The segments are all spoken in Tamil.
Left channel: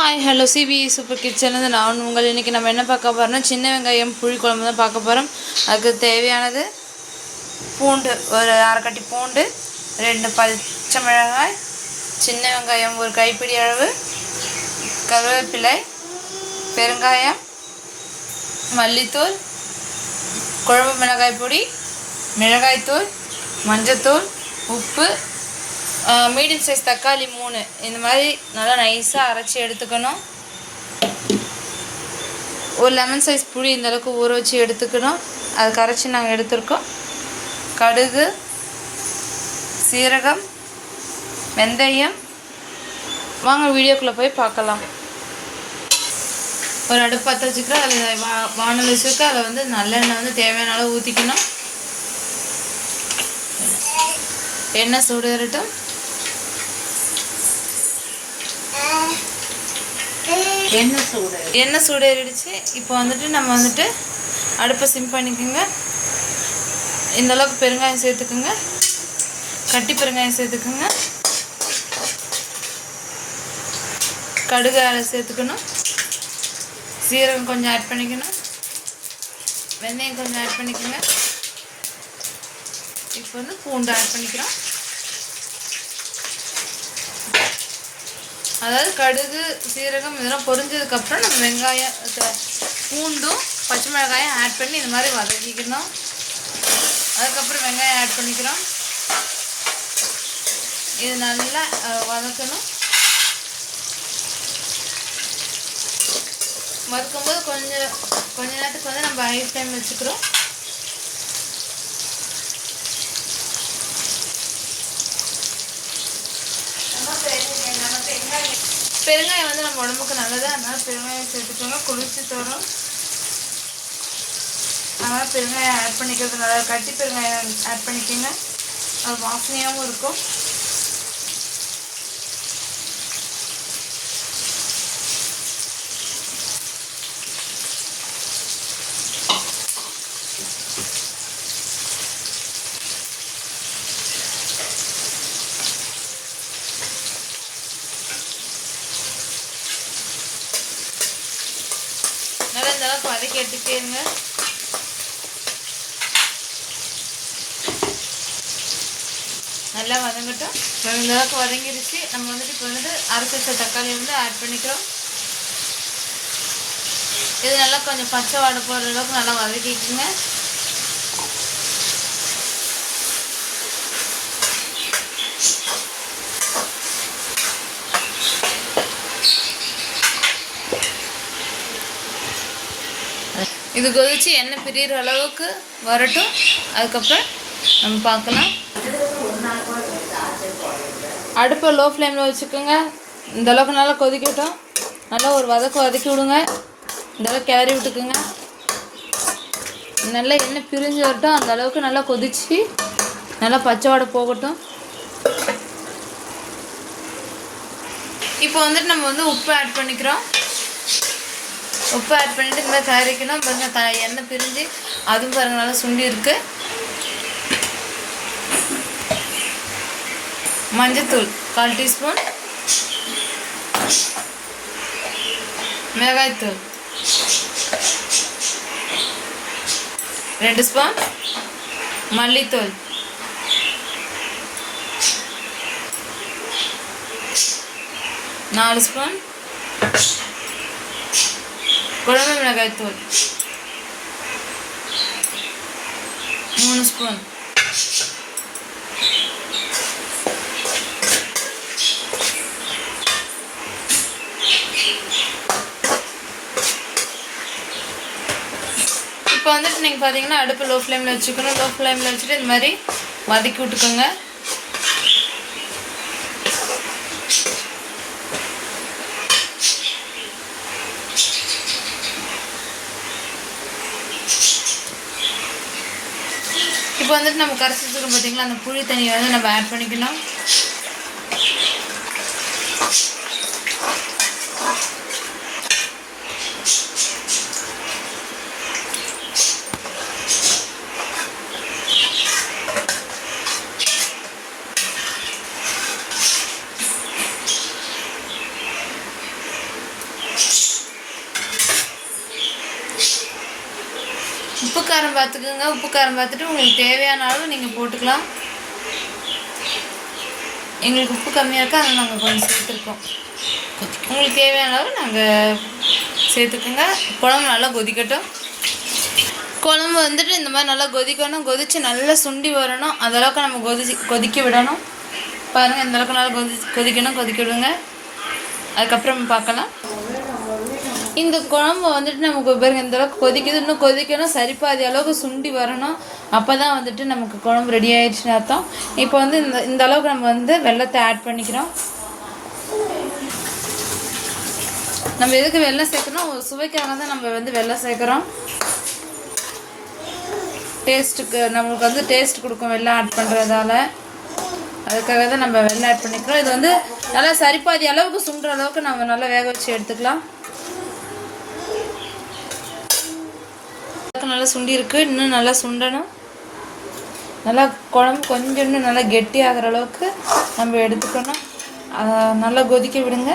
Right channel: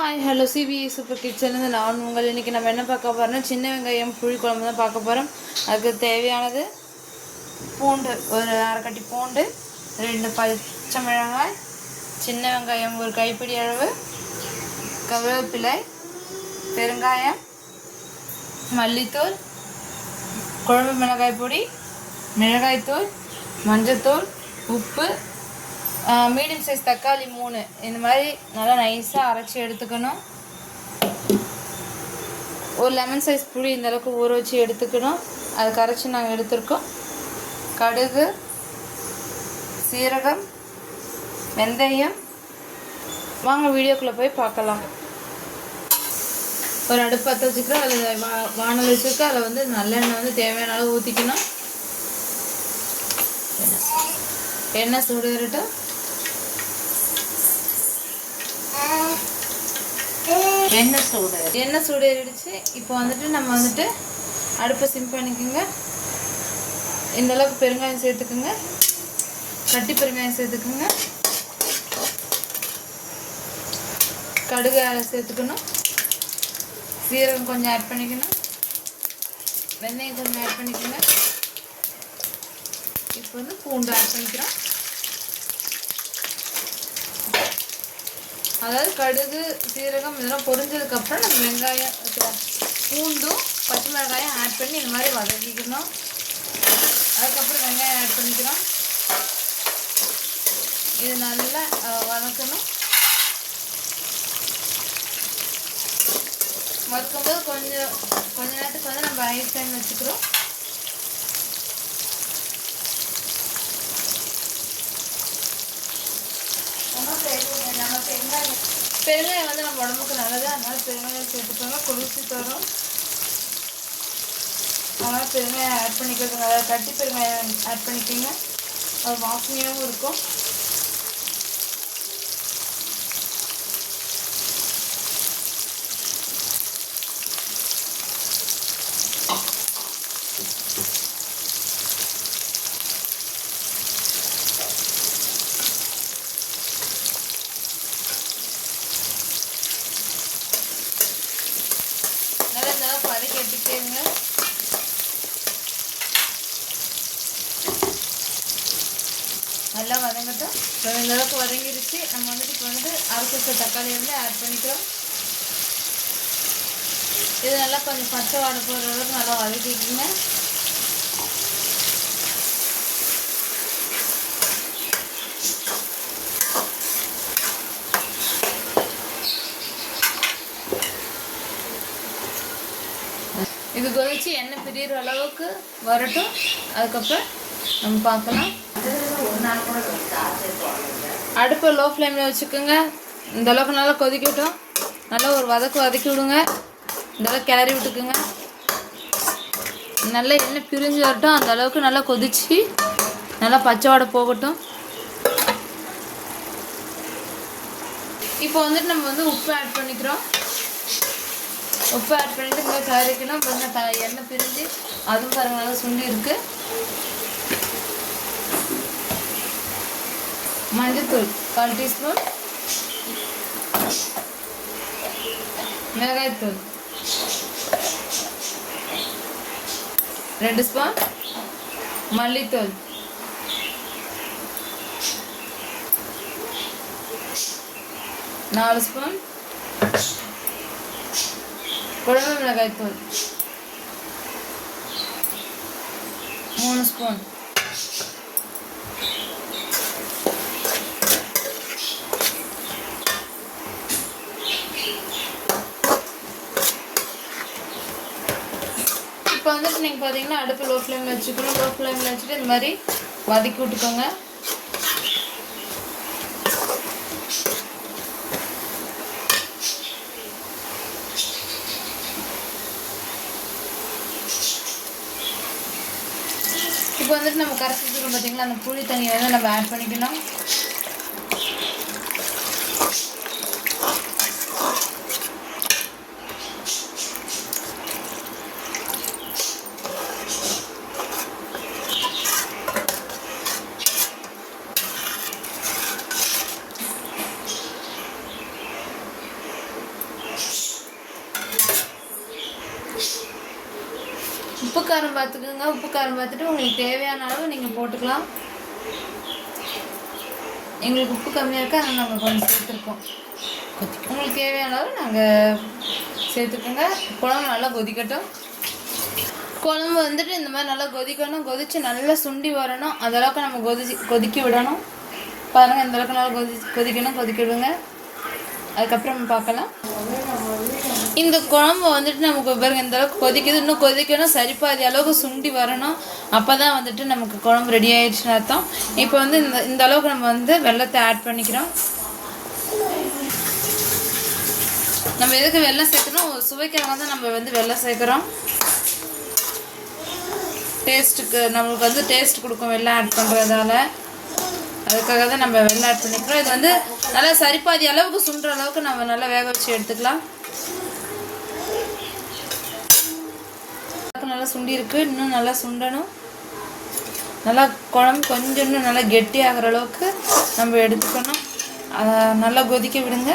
ஹாய் ஹலோ சிபிஐ சூப்பர் கிச்சன்லேருந்து நான் உங்கள் இன்றைக்கி நம்ம என்ன பார்க்க போகிறோம்னா சின்ன வெங்காயம் புளி குழம்பு தான் பார்க்க போகிறோம் அதுக்கு தேவையானது பூண்டு ஒரு அரைக்கட்டி பூண்டு ரெண்டு பச்சை மிளகாய் சின்ன வெங்காயம் ஒரு கைப்பிடி அளவு கருவேப்பிலை பெருங்காயம் மல்லித்தூள் குழம்பு மிளகாய் பொடி மிளகாய்த்தூள் மஞ்சத்தூள் உப்பு மீடியம் சைஸ் தக்காளி மூணு. இந்த மாதிரி நல்லா நைஸாக அரைச்சி எடுத்துக்கணும். ஒரு லெமன் சைஸ் புளி இந்த அளவுக்கு ஊற வச்சு எடுத்துக்கணும். அது கரைச்சி நாங்கள் எடுத்திருக்கோம். கடுகு சீரகம் வெந்தயம். வாங்க வீடியோக்குள்ளே போய் பார்க்கலாம். ஒரு அடுப்பு பற்ற வச்சுக்கிறோம் அதில் வா வானல் வச்சுருக்க அதில் வந்து நல்லெண்ணெய் வந்து தேவையான அளவு ஊற்றிக்கணும் எண்ணெய் சூடு எண்ணெய் சூடு. எண்ணெய் சூடேறிடுச்சு இப்போ வந்துட்டு நம்ம வந்துட்டு அடுப்பை சிம் பண்ணிக்கோங்க. இந்தளவுக்கு பெருங்காயம் சேர்த்துக்குங்க. கட்டி பெருங்காயம் சேர்த்துக்குங்க. கடுகு சேர்த்துக்கணும். சீரகம் கொஞ்சம் ஆட் பண்ணிக்கணும். வெந்தயம் கொஞ்சம் ஆட் பண்ணிக்கோங்க. இப்போ வந்து பூண்டு ஆட் பண்ணிக்கிறோம். அதாவது கடுகு சீரகம் இதெல்லாம் பொரிஞ்சதுக்கப்புறம் நம்ம வெங்காயம் பூண்டும் பச்சை மிளகாயும் ஆட் பண்ணி இந்த மாதிரி வதக்கிக்கணும். அதுக்கப்புறம் வெங்காயம் ஆட் பண்ணிக்கிறோம். இது நல்லா வதக்கணும் வதக்கணும். வதக்கும்போது கொஞ்சம் கொஞ்ச நேரத்துக்கு வந்து நம்ம ஐஸ் ஃப்ளேம் வச்சுக்கிறோம் நம்ம பெருங்க நம்ம பெருங்காயம் பெருங்காயம் வந்து நம்ம உடம்புக்கு நல்லது அதனால பெருங்காயம் சேர்த்துக்கோங்க. குளிர்ச்சி தரும் அதனால பெருங்காயம் ஆட் பண்ணிக்கிறது நல்லா கட்டி பெருங்காயம் ஆட் பண்ணிக்கோங்க. அது வாசனையாகவும் இருக்கும் நல்லா இந்த அளவுக்கு வதக்கி நல்லா வதங்கட்டும். இப்போ இந்த அளவுக்கு வதங்கிடுச்சு நம்ம வந்துட்டு இப்போ வந்துட்டு அரைச்ச தக்காளி வந்து ஆட் பண்ணிக்கிறோம். இது நல்லா கொஞ்சம் பச்சை வாடை போடுற அளவுக்கு நல்லா வதக்கிக்குங்க. இது கொதிச்சு எண்ணெய் பிரியிற அளவுக்கு வரட்டும். அதுக்கப்புறம் நம்ம பார்க்கலாம். அடுப்பை லோ ஃப்ளேமில் வச்சுக்கோங்க. இந்த அளவுக்கு நல்லா கொதிக்கட்டும். நல்லா ஒரு வதக்கு வதக்கி விடுங்க. இந்த அளவுக்கு கிளறி விட்டுக்குங்க. நல்லா எண்ணெய் பிரிஞ்சு வரட்டும். அந்த அளவுக்கு நல்லா கொதிச்சு நல்லா பச்சை வாடை போகட்டும். இப்போ வந்துட்டு நம்ம வந்து உப்பு ஆட் பண்ணிக்கிறோம். உப்பு ஆட் பண்ணிட்டு இந்த மாதிரி கரைக்கணும் பாருங்க த எண்ணெய் பிரிஞ்சு அதுவும் பாருங்க நல்லா சுண்டி இருக்கு. மஞ்சத்தூள் கால் டீஸ்பூன். மிளகாய்த்தூள். ரெண்டு ஸ்பூன். மல்லித்தூள். நாலு ஸ்பூன். குழம்பு மிளகாய் தூள். மூணு ஸ்பூன். இப்போ வந்துட்டு நீங்கள் பார்த்தீங்கன்னா அடுப்பு லோ ஃப்ளேமில் வச்சுக்கணும். லோ ஃப்ளேமில் வச்சுட்டு இந்த மாதிரி வதக்கி விட்டுக்கோங்க. இப்போ வந்துட்டு நம்ம கரைச்சி பார்த்தீங்களா? அந்த புளி தண்ணியை வந்து நம்ம ஆட் பண்ணிக்கணும். உப்பு காரம் பார்த்துக்குங்க. உப்பு காரம் பார்த்துட்டு உங்களுக்கு தேவையான அளவு நீங்கள் போட்டுக்கலாம். எங்களுக்கு உப்பு கம்மியாக இருக்கா அதை நாங்கள் கொஞ்சம் சேர்த்துருக்கோம். உங்களுக்கு தேவையான அளவு நாங்கள் சேர்த்துக்கோங்க. குழம்பு நல்லா கொதிக்கட்டும். குழம்பு வந்துட்டு இந்த மாதிரி நல்லா கொதிக்கணும். கொதித்து நல்லா சுண்டி வரணும். அதளவுக்கு நம்ம கொதிச்சு கொதிக்க விடணும். பாருங்கள் இந்தளவுக்கு நல்லா கொதி கொதிக்கணும் கொதிக்க விடுங்க. அதுக்கப்புறம் பார்க்கலாம். இந்த குழம்பு வந்துட்டு நமக்கு பாருங்க இந்த அளவுக்கு கொதிக்குது. இன்னும் கொதிக்கணும் சரிப்பாதி அளவுக்கு சுண்டி வரணும். அப்போ தான் வந்துட்டு நமக்கு குழம்பு ரெடி ஆயிடுச்சுன்னு அர்த்தம். இப்போ வந்து இந்த இந்த அளவுக்கு நம்ம வந்து வெள்ளத்தை ஆட் பண்ணிக்கிறோம். நம்ம எதுக்கு வெள்ளம் சேர்க்கணும் ஒரு சுவைக்காக தான் நம்ம வந்து வெள்ளம் சேர்க்குறோம். டேஸ்ட்டுக்கு நம்மளுக்கு வந்து டேஸ்ட் கொடுக்கும் வெள்ளம் ஆட் பண்ணுறதால அதுக்காக தான் நம்ம வெள்ளம் ஆட் பண்ணிக்கிறோம். இது வந்து நல்லா சரிப்பாதி அளவுக்கு சுண்டுற அளவுக்கு நம்ம நல்லா வேக வச்சு எடுத்துக்கலாம். நல்லா சுண்டி இருக்குது இன்னும் நல்லா சுண்டணும். நல்லா குழம்பு கொஞ்சம் இன்னும் நல்லா கெட்டி ஆகிற அளவுக்கு நம்ம எடுத்துக்கணும். அதை நல்லா கொதிக்க விடுங்க.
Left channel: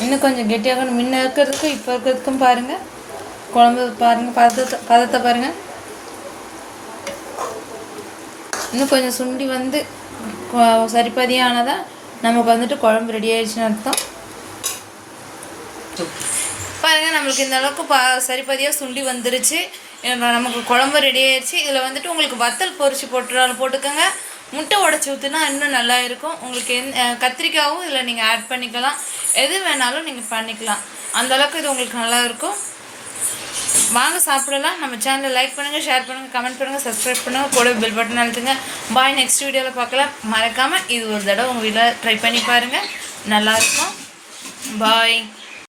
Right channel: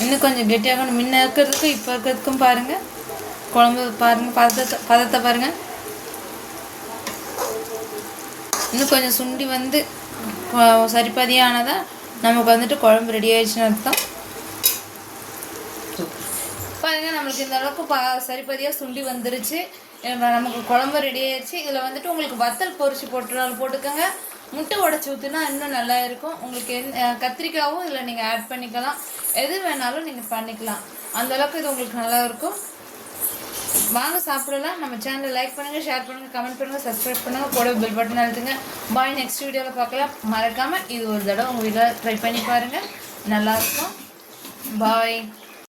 இன்னும் கொஞ்சம் கெட்டியாகணும். முன்ன இருக்கிறதுக்கும் இப்போ இருக்கிறதுக்கும் பாருங்கள் குழம்பு பாருங்கள் பதத்தை பதத்தை பாருங்கள் இன்னும் கொஞ்சம் சுண்டி வந்து கொ- நமக்கு வந்துட்டு குழம்பு ரெடி ஆயிடுச்சுன்னு அர்த்தம் பாருங்க நம்மளுக்கு இந்த அளவுக்கு பா சரிப்பதியாக சுண்டி வந்துருச்சு. நமக்கு குழம்பு ரெடி ஆயிடுச்சு இதில் வந்துட்டு உங்களுக்கு வத்தல் பொரிச்சு போட்டுறாலும் போட்டுக்கோங்க. முட்டை உடச்சி ஊற்றுனா இன்னும் நல்லா இருக்கும். உங்களுக்கு எந் கத்திரிக்காயும் இதில் நீங்கள் ஆட் பண்ணிக்கலாம். எது வேணாலும் நீங்கள் பண்ணிக்கலாம். அந்த அளவுக்கு இது உங்களுக்கு நல்லா இருக்கும். வாங்க சாப்பிடலாம். நம்ம சேனலை லைக் பண்ணுங்கள் ஷேர் பண்ணுங்கள் கமெண்ட் பண்ணுங்கள் சப்ஸ்கிரைப் பண்ணுங்கள் கூட பெல் பட்டன் அழுத்துங்க. பாய் நெக்ஸ்ட் வீடியோவில் பார்க்கலாம். மறக்காமல் இது ஒரு தடவை உங்கள் வீட்டில் ட்ரை பண்ணி பாருங்கள் நல்லாயிருக்கும் பாய்